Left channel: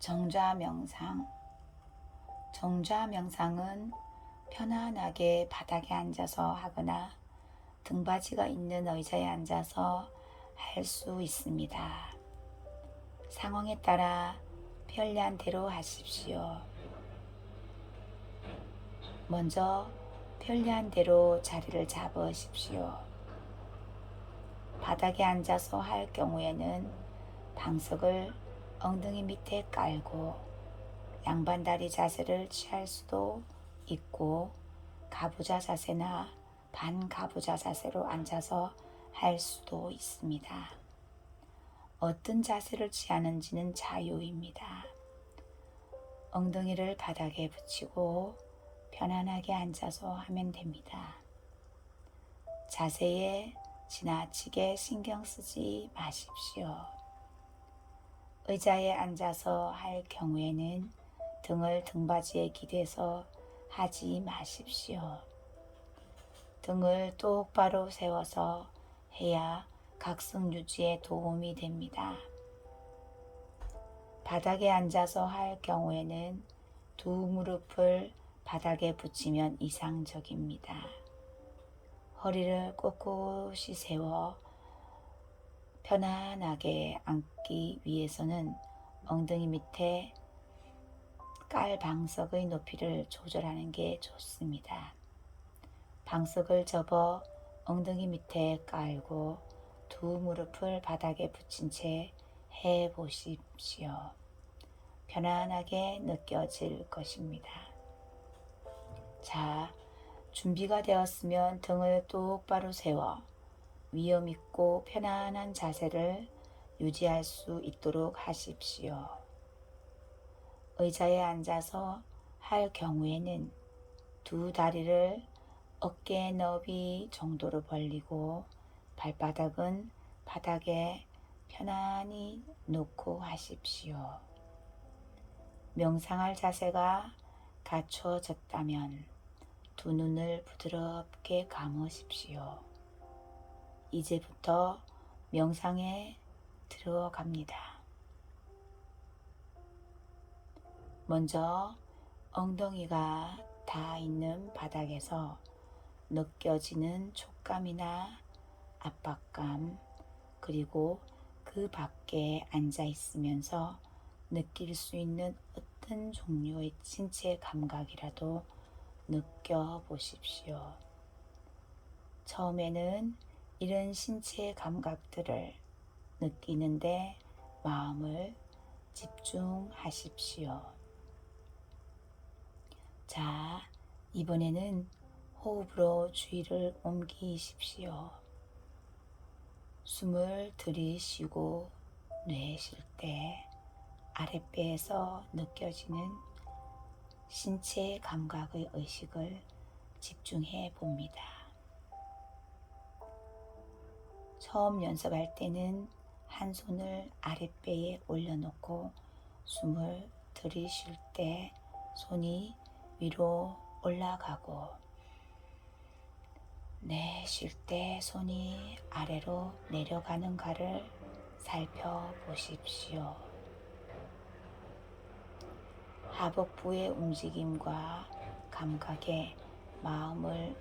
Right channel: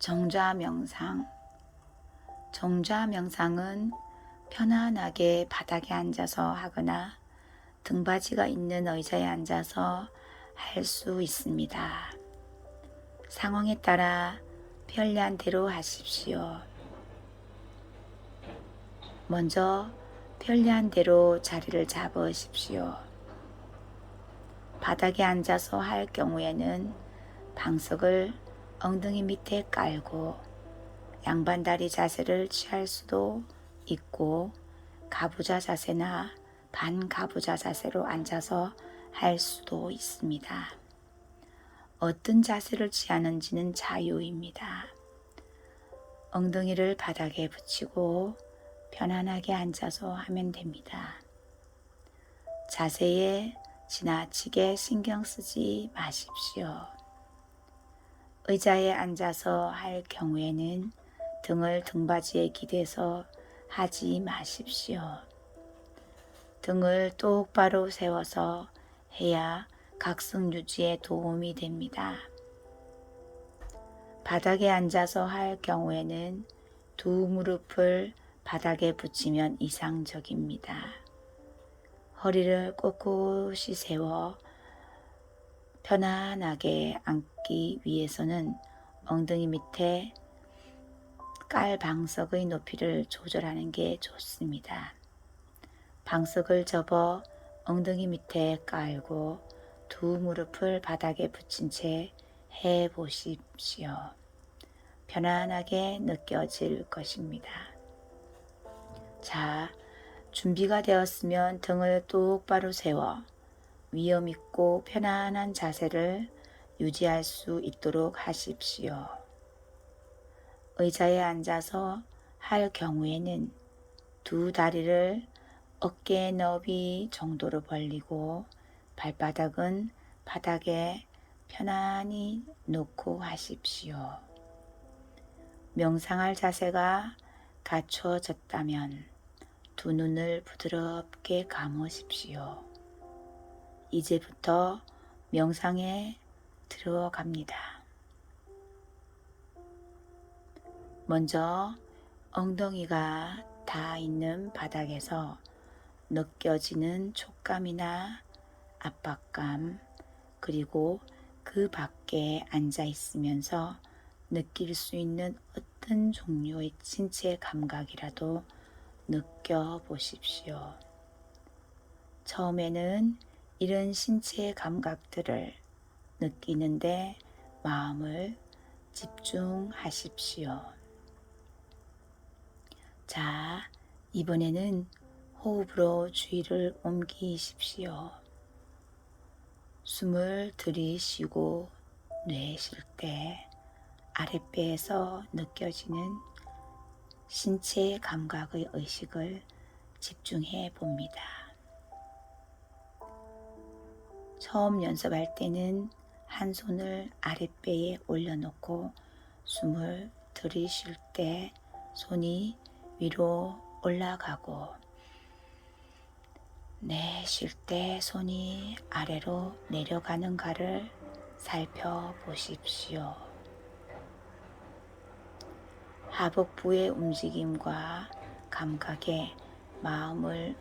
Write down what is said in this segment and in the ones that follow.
정좌 명상. 정좌 명상은 편안하게 바닥에 앉아서 하거나 등받이가 있는 의자에 앉아서 할 수 있습니다. 상황에 따라 편리한 대로 하십시오. 먼저 편리한 대로 자리를 잡으십시오. 바닥에 앉아서 할 경우에는 방석을 엉덩이 밑에 깔고 양반다리 자세를 취할 수도 있고 가부좌 자세나 반가부좌 자세로 앉아서 할 수도 있습니다. 어떤 자세를 취하는지는 자유입니다. 엉덩이를 바닥에 붙이고 편안하게 앉아서 하면 됩니다. 자세에 지나치게 신경 쓰지 마십시오. 의자에 앉아서 할 경우에는 등을 등받이에 기대서 하지 마십시오. 등을 똑바로 세워서 해야 각성 유지에 도움이 됩니다. 바닥에 앉아서 할 경우에는 두 무릎을 바닥에 붙이면 이상적입니다. 허리를 꼿꼿이 세워 편안하게 앉기 위해서는 엉덩이 밑에 깔 방석의 높이를 조절하는 게 좋습니다. 방석을 접어 엉덩이 밑에 깔고 두 무릎을 바닥에 붙인 채 해보십시오. 편안하게 느껴질 것입니다. 자, 준비가 되었으면 등을 똑바로 세워 위험 있고 편안한 자세를 유지할 수 있도록 하십시오. 의자에 앉아서 할 경우에는 두 다리를 어깨 너비 정도로 벌리고 발바닥은 바닥에 편안히 놓고 하십시오. 명상할 자세가 갖춰졌다면 두 눈을 부드럽게 감으십시오. 이제부터 명상에 들어갑니다. 먼저 엉덩이가 닿아 있는 바닥에서 느껴지는 촉감이나 압박감, 그리고 그 밖에 앉아 있으면서 느낄 수 있는 어떤 종류의 신체 감각이라도 느껴보십시오. 처음에는 이런 신체 감각들을 느끼는데 마음을 집중하십시오. 자, 이번에는 호흡으로 주의를 옮기십시오. 숨을 들이쉬고 내쉴 때 아랫배에서 느껴지는 신체 감각의 의식을 집중해 봅니다. 처음 연습할 때는 한 손을 아랫배에 올려놓고 숨을 들이쉴 때 손이 위로 올라가고 내쉴 때 손이 아래로 내려가는가를 살펴보십시오. 하복부의 움직임과 감각에 마음을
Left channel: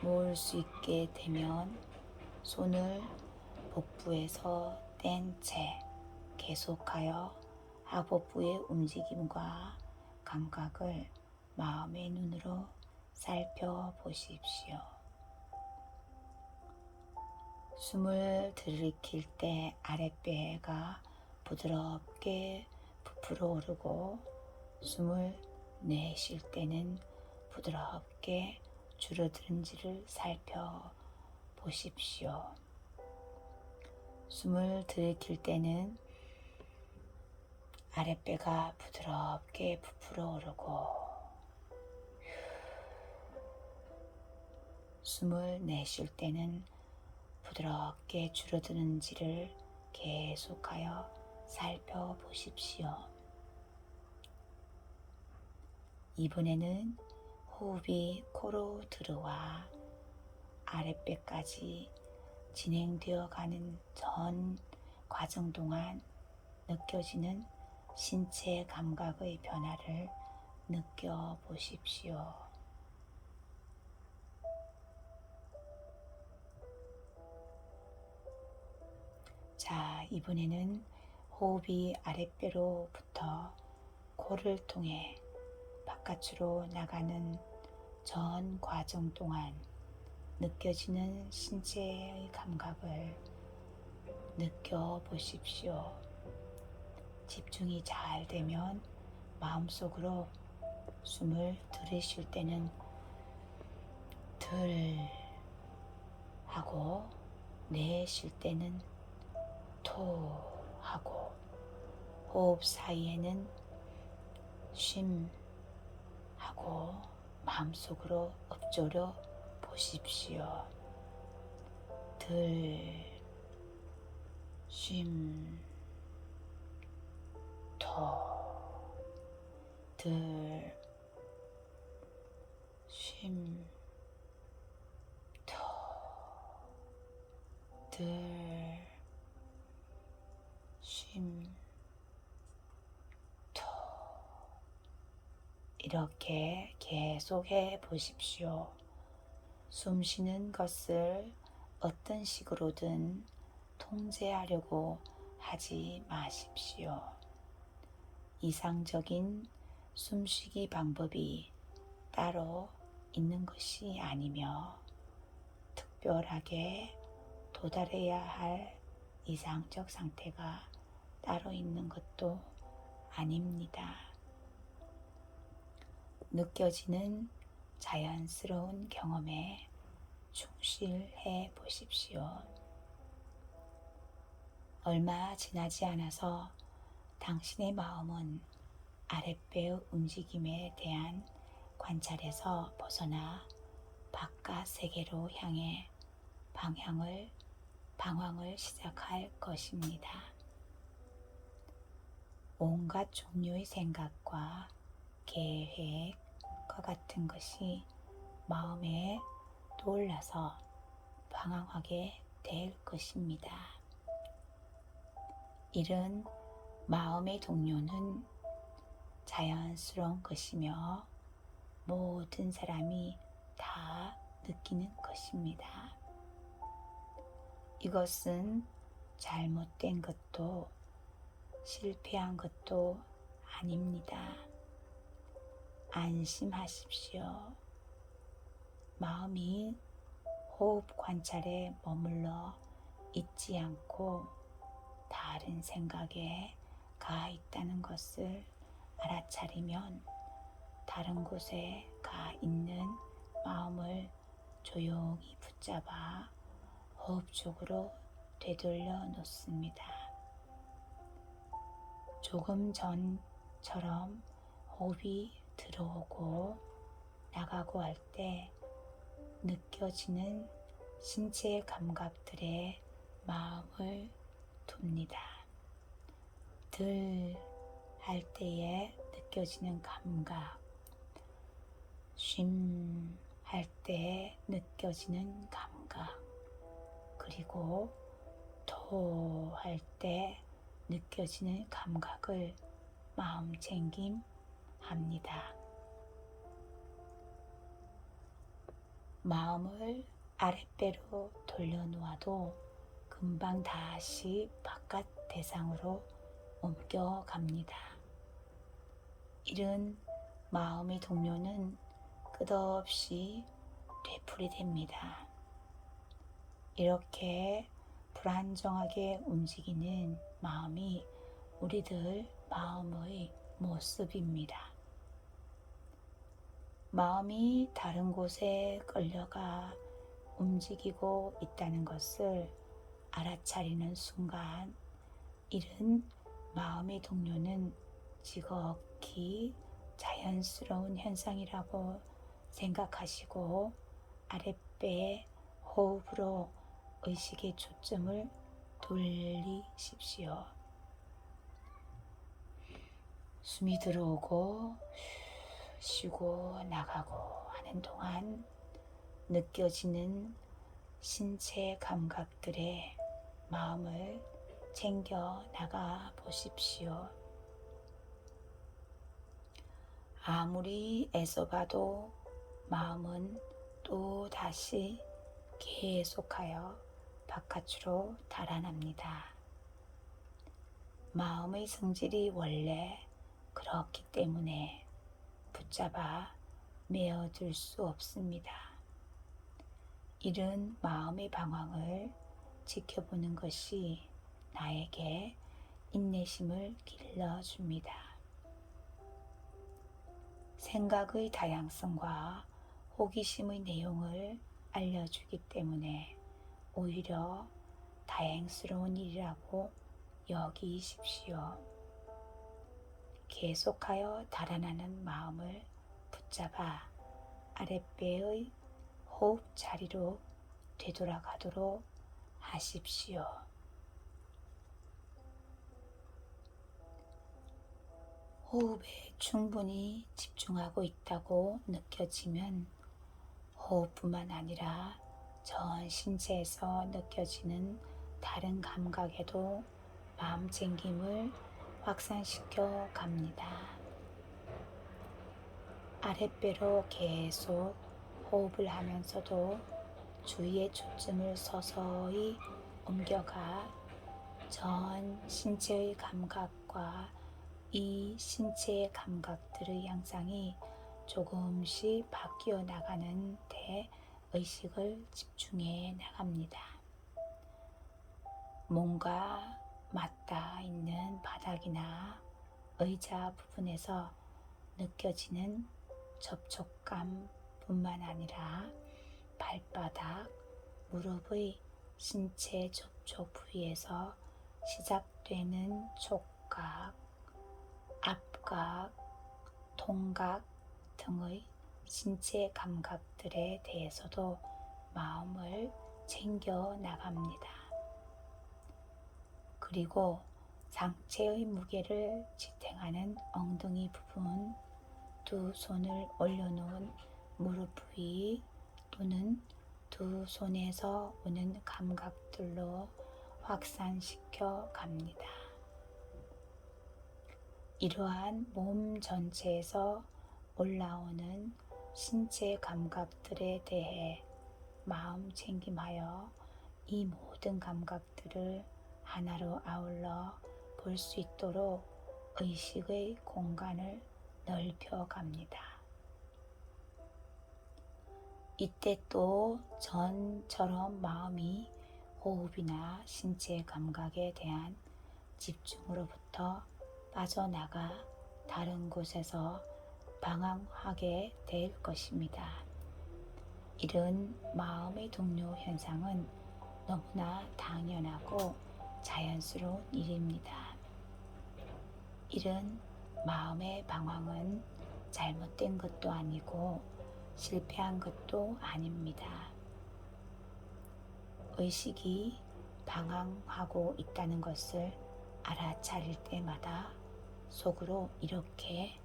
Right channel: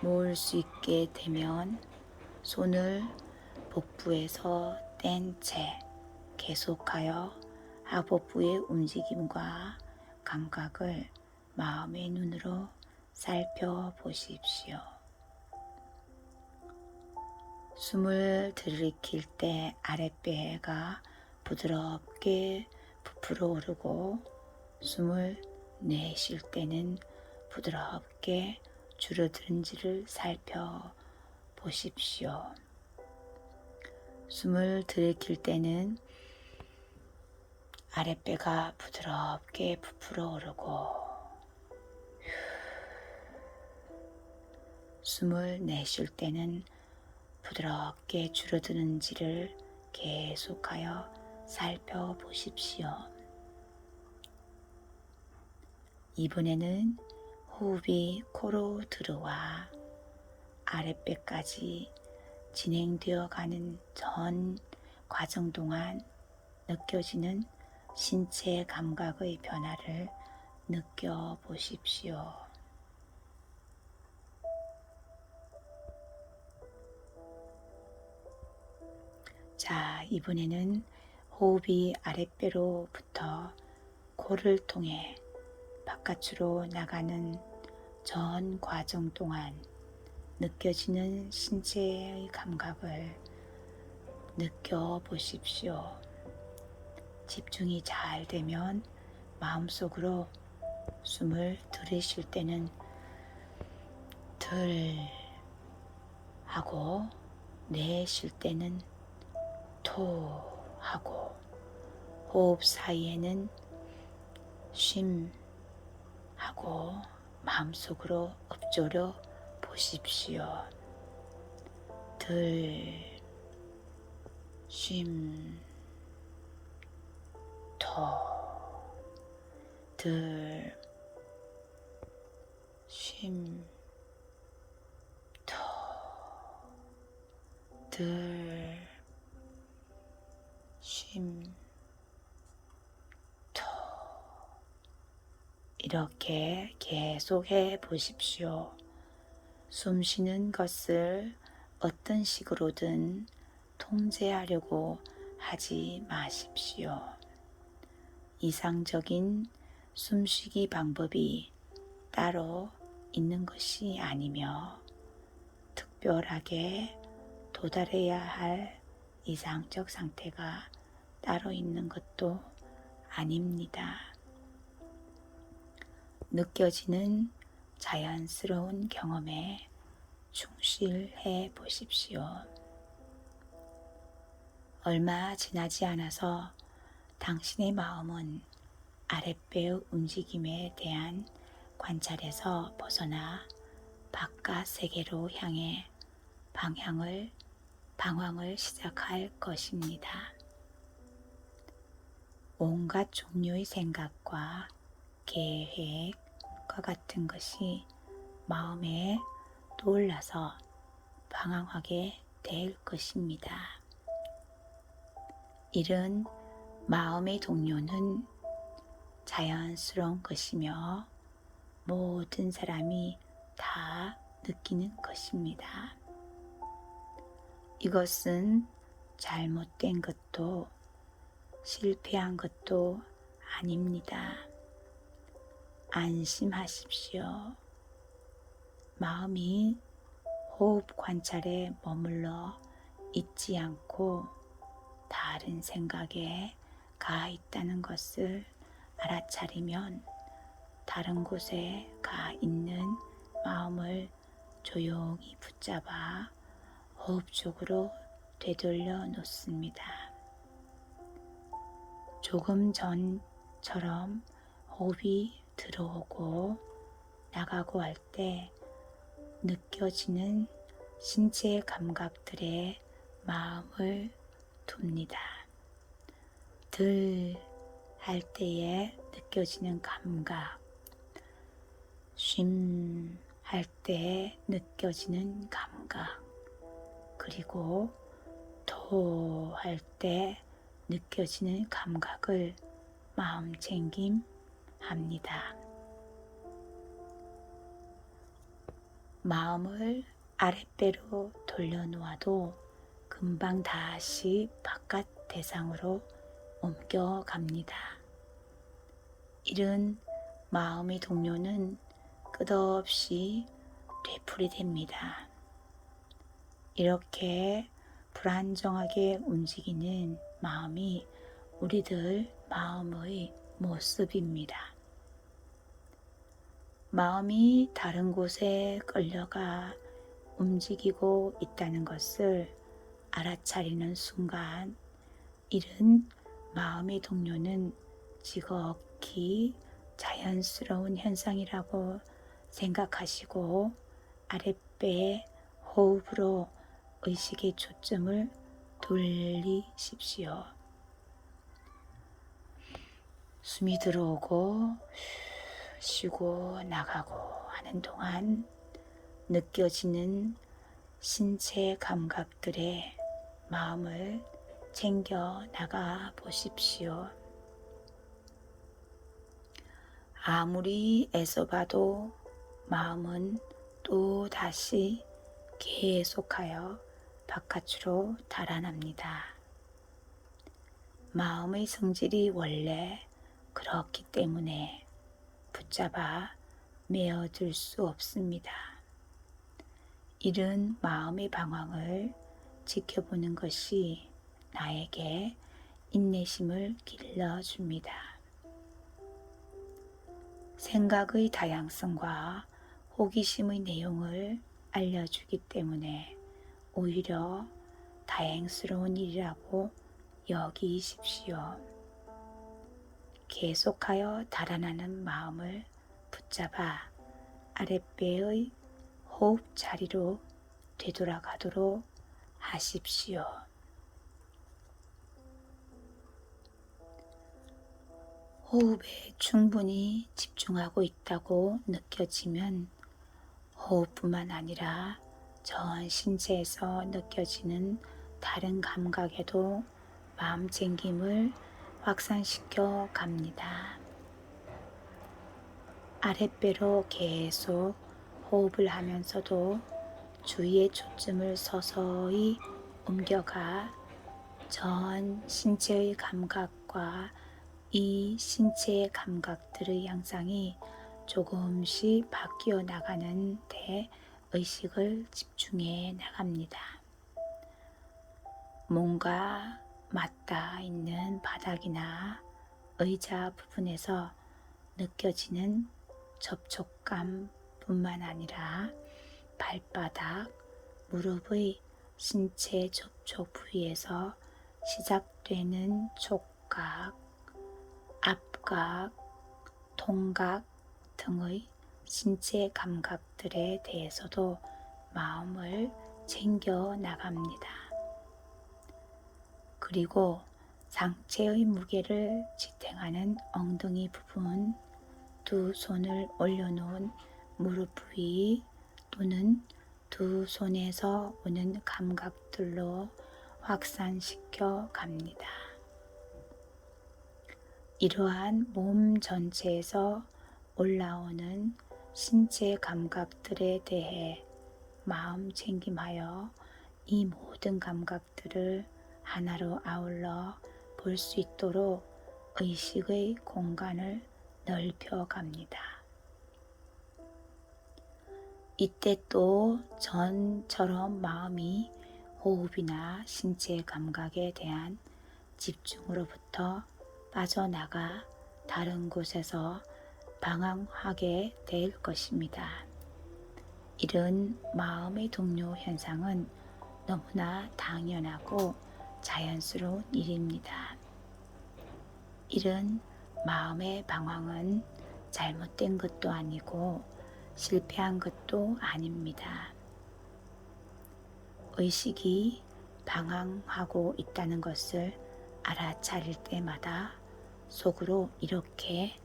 모을 수 있게 되면 손을 복부에서 뗀 채 계속하여 하복부의 움직임과 감각을 마음의 눈으로 살펴보십시오. 숨을 들이킬 때 아랫배가 부드럽게 부풀어 오르고 숨을 내쉴 때는 부드럽게 줄어드는지를 살펴보십시오. 숨을 들이킬 때는 아랫배가 부드럽게 부풀어 오르고 숨을 내쉴 때는 부드럽게 줄어드는지를 계속하여 살펴보십시오. 이번에는 호흡이 코로 들어와 아랫배까지 진행되어 가는 전 과정 동안 느껴지는 신체 감각의 변화를 느껴보십시오. 자, 이번에는 호흡이 아랫배로부터 코를 통해 바깥으로 나가는 전 과정 동안 느껴지는 신체의 감각을 느껴보십시오. 집중이 잘 되면 마음속으로 숨을 들이쉴 때는 들 하고 내쉴 때는 토 하고 호흡 사이에는 쉼 하고 마음속으로 읊조려 보십시오. 들, 쉼, 토, 들, 쉼, 토, 들, 쉼, 토. 이렇게 계속 해 보십시오. 숨 쉬는 것을 어떤 식으로든 통제하려고 하지 마십시오. 이상적인 숨쉬기 방법이 따로 있는 것이 아니며 특별하게 도달해야 할 이상적 상태가 따로 있는 것도 아닙니다. 느껴지는 자연스러운 경험에 충실해 보십시오. 얼마 지나지 않아서 당신의 마음은 아랫배의 움직임에 대한 관찰에서 벗어나 바깥 세계로 향해 방황을 시작할 것입니다. 온갖 종류의 생각과 계획과 같은 것이 마음에 떠올라서 방황하게 될 것입니다. 이런 마음의 동요는 자연스러운 것이며 모든 사람이 다 느끼는 것입니다. 이것은 잘못된 것도 실패한 것도 아닙니다. 안심하십시오. 마음이 호흡 관찰에 머물러 있지 않고 다른 생각에 가 있다는 것을 알아차리면 다른 곳에 가 있는 마음을 조용히 붙잡아 호흡 쪽으로 되돌려 놓습니다. 조금 전처럼 호흡이 들어오고 나가고 할 때 느껴지는 신체 감각들에 마음을 둡니다. 들 할 때에 느껴지는 감각, 쉼 할 때 느껴지는 감각, 그리고 토 할 때 느껴지는 감각을 마음챙김합니다. 마음을 아랫배로 돌려놓아도 금방 다시 바깥 대상으로 옮겨갑니다. 이런 마음의 동요는 끝없이 되풀이됩니다. 이렇게 불안정하게 움직이는 마음이 우리들 마음의 모습입니다. 마음이 다른 곳에 끌려가 움직이고 있다는 것을 알아차리는 순간 이른 마음의 동요는 지극히 자연스러운 현상이라고 생각하시고 아랫배의 호흡으로 의식의 초점을 돌리십시오. 숨이 들어오고 쉬고 나가고 하는 동안 느껴지는 신체 감각들의 마음을 챙겨 나가 보십시오. 아무리 애써봐도 마음은 또 다시 계속하여 바깥으로 달아납니다. 마음의 성질이 원래 그렇기 때문에 붙잡아 메어둘 수 없습니다. 이런 마음의 방황을 지켜보는 것이 나에게 인내심을 길러줍니다. 생각의 다양성과 호기심의 내용을 알려주기 때문에 오히려 다행스러운 일이라고 여기십시오. 계속하여 달아나는 마음을 붙잡아 아랫배의 호흡 자리로 되돌아가도록 하십시오. 호흡에 충분히 집중하고 있다고 느껴지면 호흡뿐만 아니라 전 신체에서 느껴지는 다른 감각에도 마음챙김을 확산시켜 갑니다. 아랫배로 계속 호흡을 하면서도 주위의 초점을 서서히 옮겨가 전 신체의 감각과 이 신체의 감각들의 양상이 조금씩 바뀌어 나가는 데 의식을 집중해 나갑니다. 뭔가 맞닿아 있는 바닥이나 의자 부분에서 느껴지는 접촉감 뿐만 아니라 발바닥, 무릎의 신체 접촉 부위에서 시작되는 촉각, 압각, 통각 등의 신체 감각들에 대해서도 마음을 챙겨 나갑니다. 그리고 상체의 무게를 지탱하는 엉덩이 부분, 두 손을 올려놓은 무릎 부위 또는 두 손에서 오는 감각들로 확산시켜 갑니다. 이러한 몸 전체에서 올라오는 신체 감각들에 대해 마음 챙김하여 이 모든 감각들을 하나로 아울러 볼 수 있도록 의식의 공간을 넓혀 갑니다. 이때 또 전처럼 마음이 호흡이나 신체 감각에 대한 집중으로부터 빠져나가 다른 곳에서 방황하게 될 것입니다. 이런 마음의 동요 현상은 너무나 당연하고 자연스러운 일입니다. 이런 마음의 방황은 잘못된 것도 아니고 실패한 것도 아닙니다. 의식이 방황하고 있다는 것을 알아차릴 때마다 속으로 이렇게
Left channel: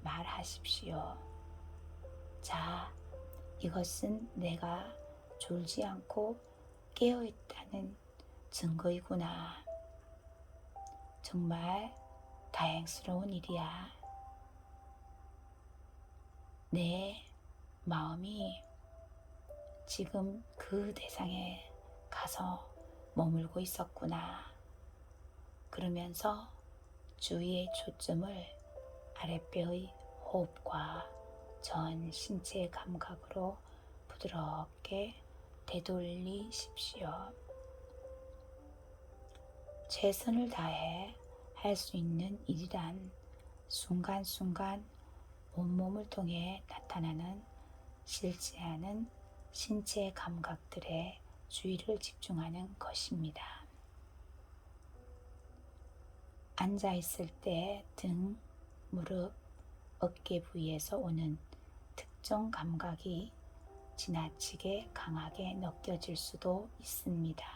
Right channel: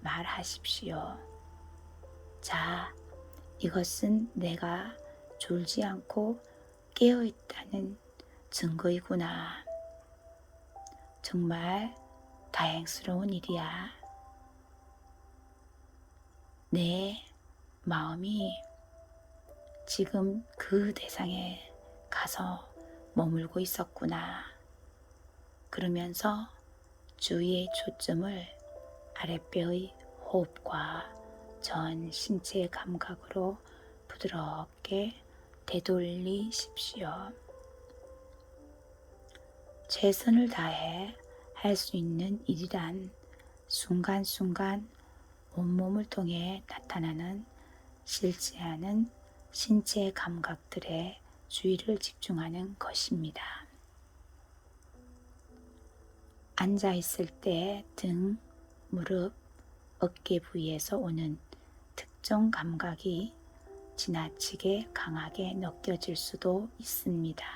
말하십시오. 자, 이것은 내가 졸지 않고 깨어있다는 증거이구나. 정말 다행스러운 일이야. 내 마음이 지금 그 대상에 가서 머물고 있었구나. 그러면서 주위의 초점을 아랫배의 호흡과 전 신체의 감각으로 부드럽게 되돌리십시오. 최선을 다해 할 수 있는 일이란 순간순간 온몸을 통해 나타나는 싫지 않은 신체 감각들에 주의를 집중하는 것입니다. 앉아 있을 때 등, 무릎, 어깨 부위에서 오는 특정 감각이 지나치게 강하게 느껴질 수도 있습니다.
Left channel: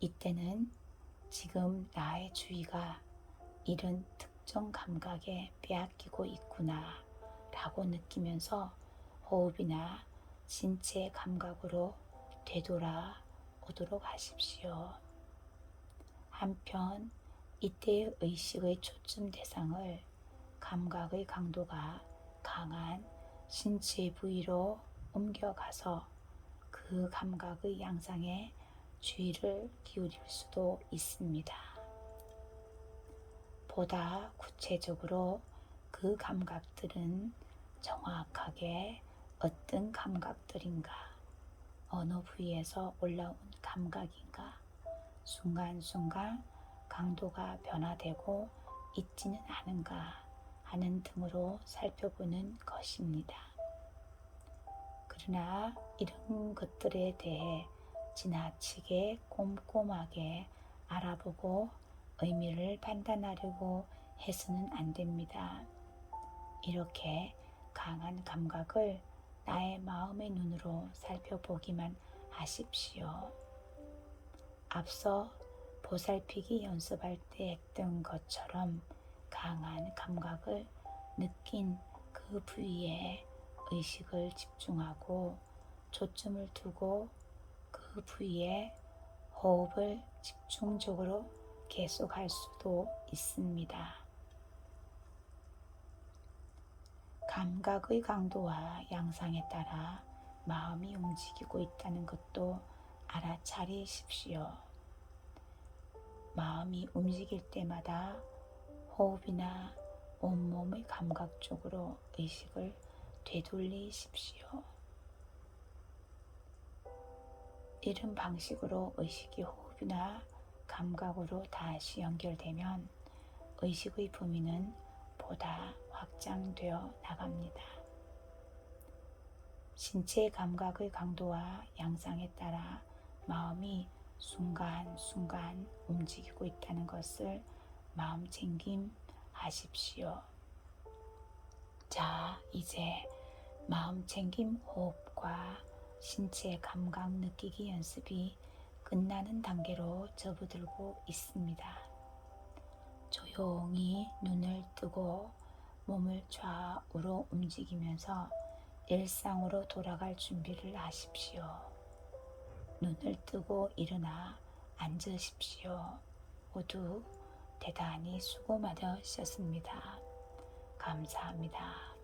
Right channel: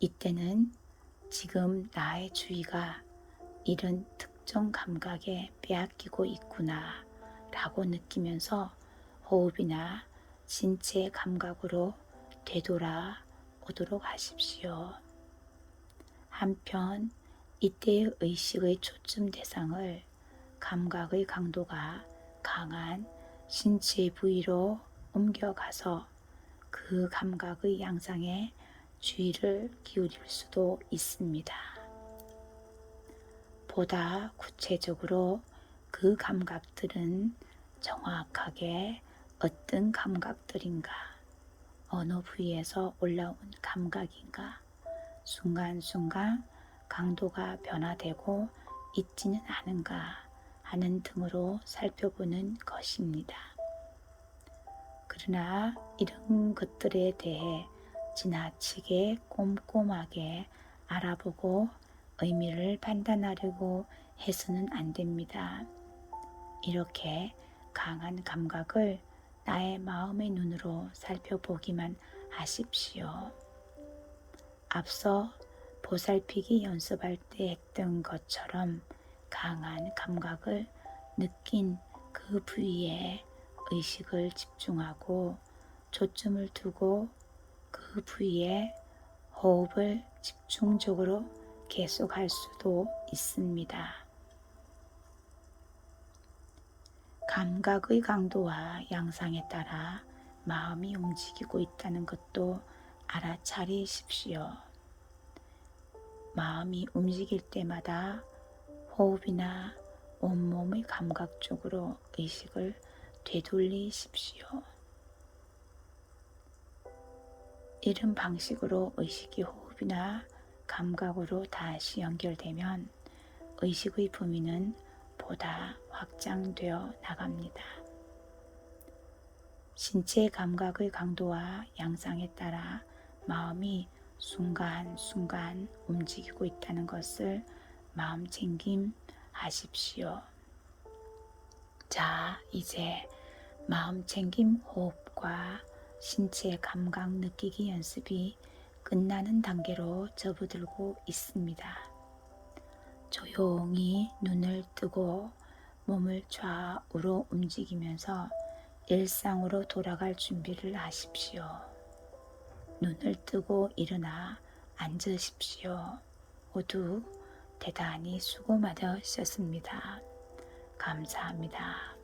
이때는 지금 나의 주의가 이런 특정 감각에 빼앗기고 있구나 라고 느끼면서 호흡이나 신체 감각으로 되돌아오도록 하십시오. 한편 이때의 의식의 초점 대상을 감각의 강도가 강한 신체 부위로 옮겨가서 그 감각의 양상에 주의를 기울일 수도 있습니다. 보다 구체적으로 그 감각들은 정확하게 어떤 감각들인가, 어느 부위에서 올라온 감각인가, 순간순간 강도가 변화되고 있지는 않은가 하는 등으로 살펴보는 것입니다. 그러나 이런 것들에 대해 지나치게 꼼꼼하게 알아보고 의미를 판단하려고 해서는 안 됩니다. 이렇게 강한 감각을 나의 마음의 눈으로 살펴보기만 하십시오. 앞서 보살피기 연습할 때 했던 것처럼 강한 감각을 느낀 그 부위에 의식을 집중하고 초점을 두고 그 부위에 호흡을 집중적으로 계속할 수도 있습니다. 감각의 강도와 양상에 따라 마음이 움직이고 있다는 것도 알아차리십시오. 마음이 움직일 때마다 호흡이나 온몸의 감각 쪽으로 의식을 되돌리십시오. 이런 방식으로 의식이 호흡이나 감각으로 다시 연결되면 의식의 범위는 보다 확장되어 나갑니다. 신체 감각의 강도와 양상에 따라 마음이 순간순간 움직이고 있다는 것을 마음챙김하십시오. 자, 이제 마음챙김 호흡과 신체 감각 느끼기 연습이 끝나는 단계로 접어들고 있습니다. 조용히 눈을 뜨고 몸을 좌우로 움직이면서 일상으로 돌아갈 준비를 하십시오. 눈을 뜨고 일어나 앉으십시오. 모두 대단히 수고 많으셨습니다. 감사합니다.